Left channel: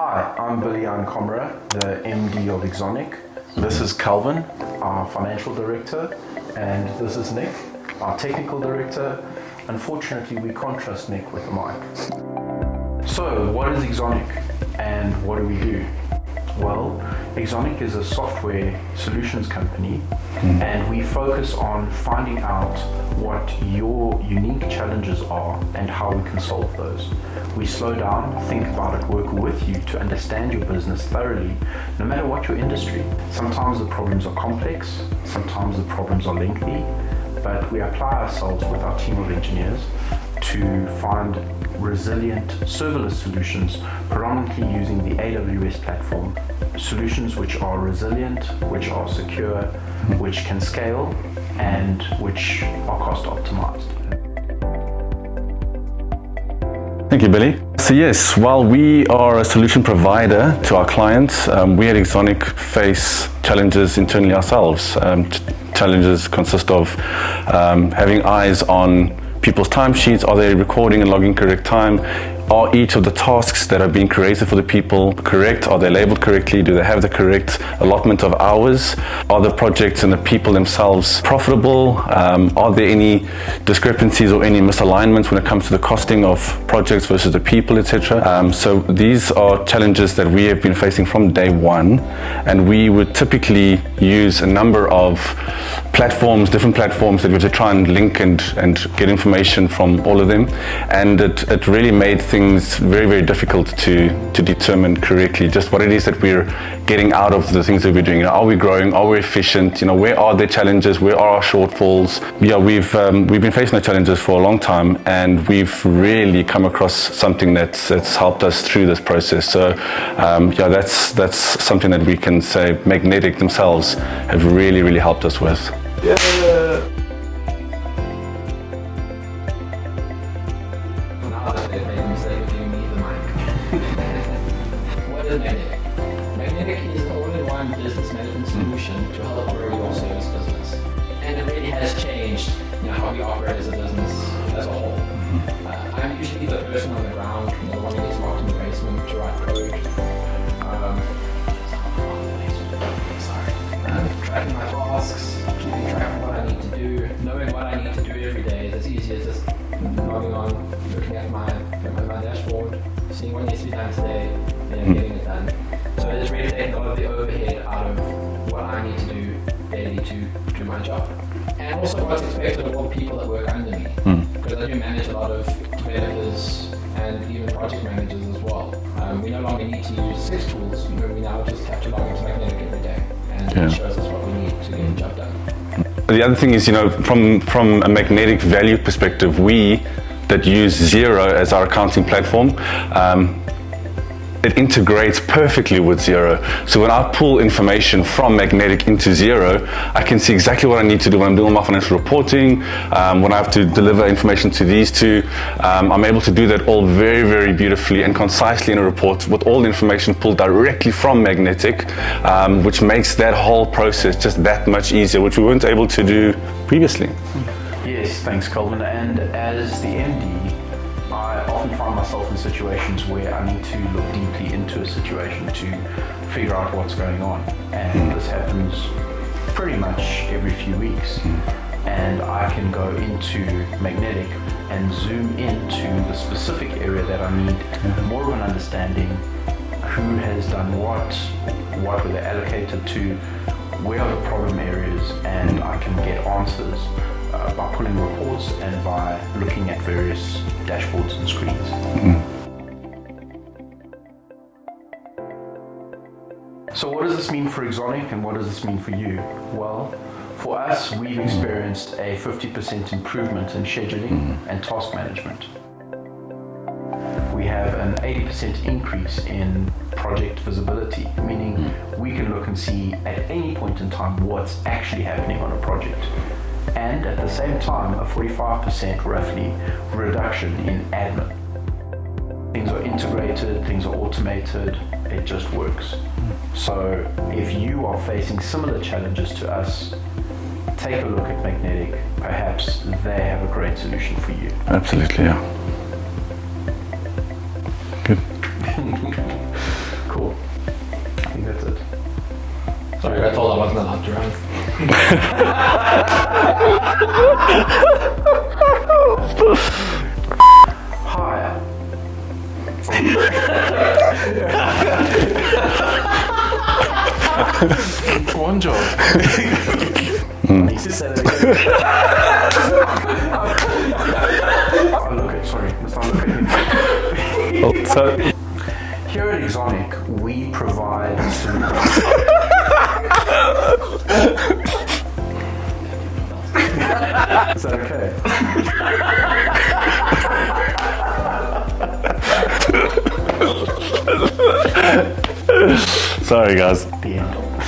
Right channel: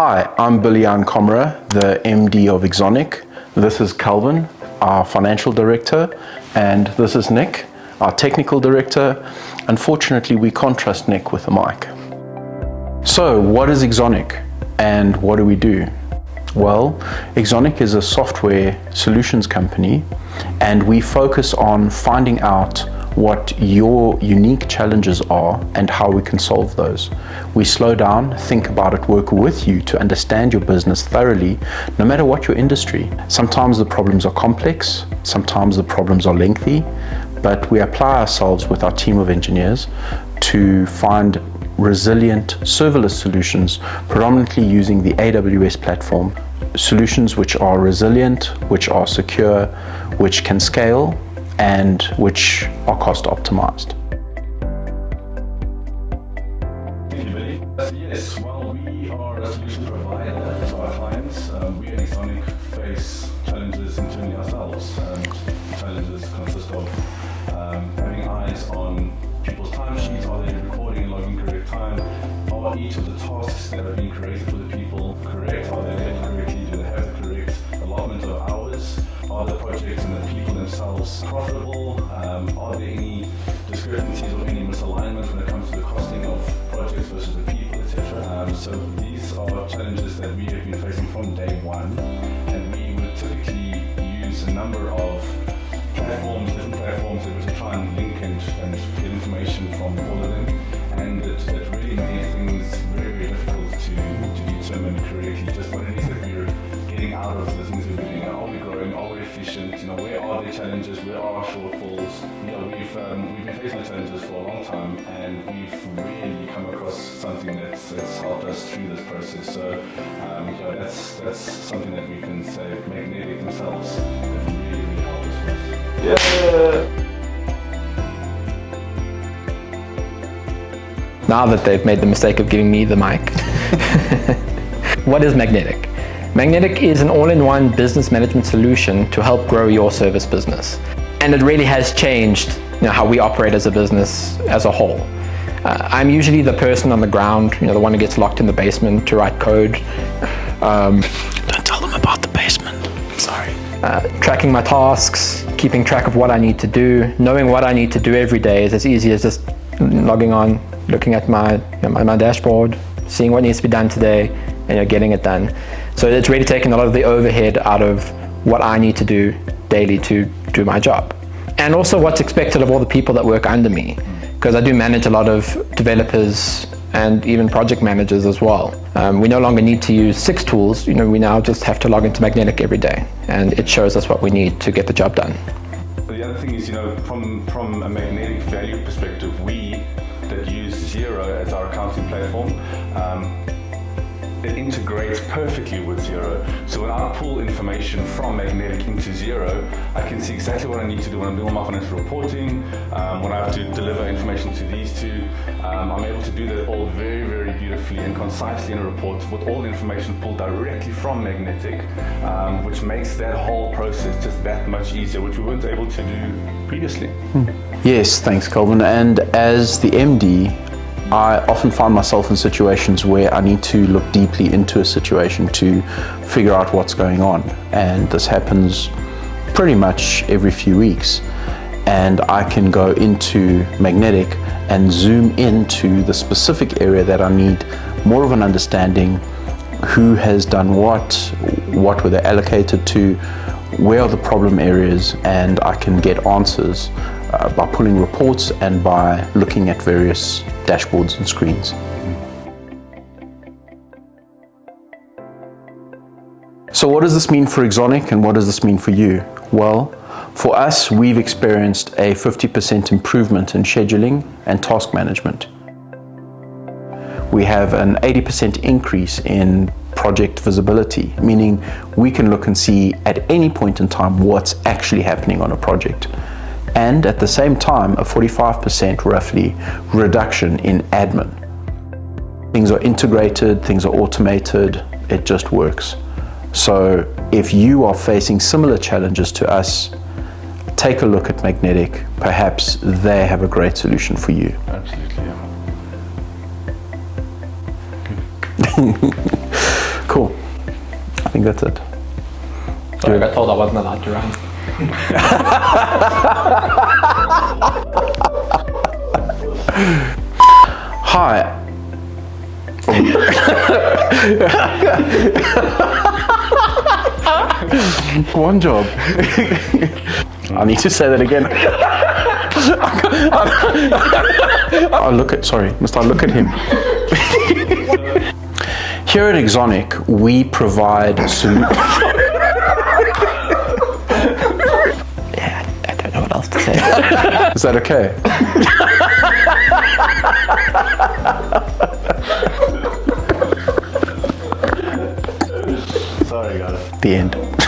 Hi, I'm Billy-Jan Komra, the MD of Exonic. This is Calvin, our financial director, and this is Nick, our technical director. Unfortunately, we can't trust Nick with the mic. So, what is Exonic and what do we do? Well, Exonic is a software solutions company, and we focus on finding out what your unique challenges are and how we can solve those. We slow down, think about it, work with you to understand your business thoroughly, no matter what your industry. Sometimes the problems are complex, sometimes the problems are lengthy, but we apply ourselves with our team of engineers to find resilient serverless solutions, predominantly using the AWS platform. Solutions which are resilient, which are secure, which can scale, and which are cost optimized. Thank you, Billy. So yes, while we are a solution provider to our clients, we at Exonic face challenges internally ourselves. Challenges consist of having eyes on people's timesheets. Are they recording and logging correct time? Are each of the tasks that are being created for the people correct? Are they labeled correctly? Do they have the correct allotment of hours? Are the projects and the people themselves profitable? Are there any discrepancies or any misalignments when it comes to the costing of projects versus the people, etc.? So these are challenges that we have been facing from day one, and we would typically use a number of different platforms that we have to try and link and get information from all of them, and it really made things very, very difficult to determine correctly just what it is that we're getting out of the things that we're doing. Are we growing? Are we efficient? Where are the challenges? Where are our shortfalls? Yeah, we've been facing the challenges for a long time, and we've really come across something that's helped us through this process. So yeah, that's something that we can say Magnetic themselves have really, really helped us with. Now that they've made the mistake of giving me the mic. What is Magnetic? Magnetic is an all-in-one business management solution to help grow your service business. And it really has changed how we operate as a business as a whole. I'm usually the person on the ground, the one who gets locked in the basement to write code. Don't tell them about the basement. Sorry. Tracking my tasks, keeping track of what I need to do, knowing what I need to do every day is as easy as just logging on, looking at my dashboard, seeing what needs to be done today, and getting it done. So it's really taken a lot of the overhead out of what I need to do daily to do my job. And also what's expected of all the people that work under me, because I do manage a lot of developers and even project managers as well. We no longer need to use 6 tools, we now just have to log into Magnetic every day, and it shows us what we need to get the job done. The other thing is, from a Magnetic value perspective, we that use Xero as our accounting platform, it integrates perfectly with Xero. So when I pull information from Magnetic into Xero, I can see exactly what I need to do when I'm doing my financial reporting, when I have to deliver information to these two. I'm able to do that all very, very beautifully and concisely in a report with all the information pulled directly from Magnetic, which makes that whole process just that much easier, which we weren't able to do previously. Yes, thanks, Calvin. And as the MD, I often find myself in situations where I need to look deeply into a situation to figure out what's going on. And this happens pretty much every few weeks. And I can go into Magnetic and zoom into the specific area that I need more of an understanding. Who has done what were they allocated to, where are the problem areas, and I can get answers by pulling reports and by looking at various dashboards and screens. So what does this mean for Exonic and what does this mean for you? Well, for us, we've experienced a 50% improvement in scheduling and task management. We have an 80% increase in project visibility, meaning we can look and see at any point in time what's actually happening on a project. And at the same time, a 45% roughly reduction in admin. Things are integrated, things are automated, it just works. So if you are facing similar challenges to us, take a look at Magnetic. Perhaps they have a great solution for you. Absolutely, yeah. Good. Cool. I think that's it. Sorry, I got told I wasn't allowed to run. Hi. One job. I need to say that again. Must I look at him? Here at Exonic, we provide solutions. I don't know what else to say. Is that okay? Sorry, guys. The end.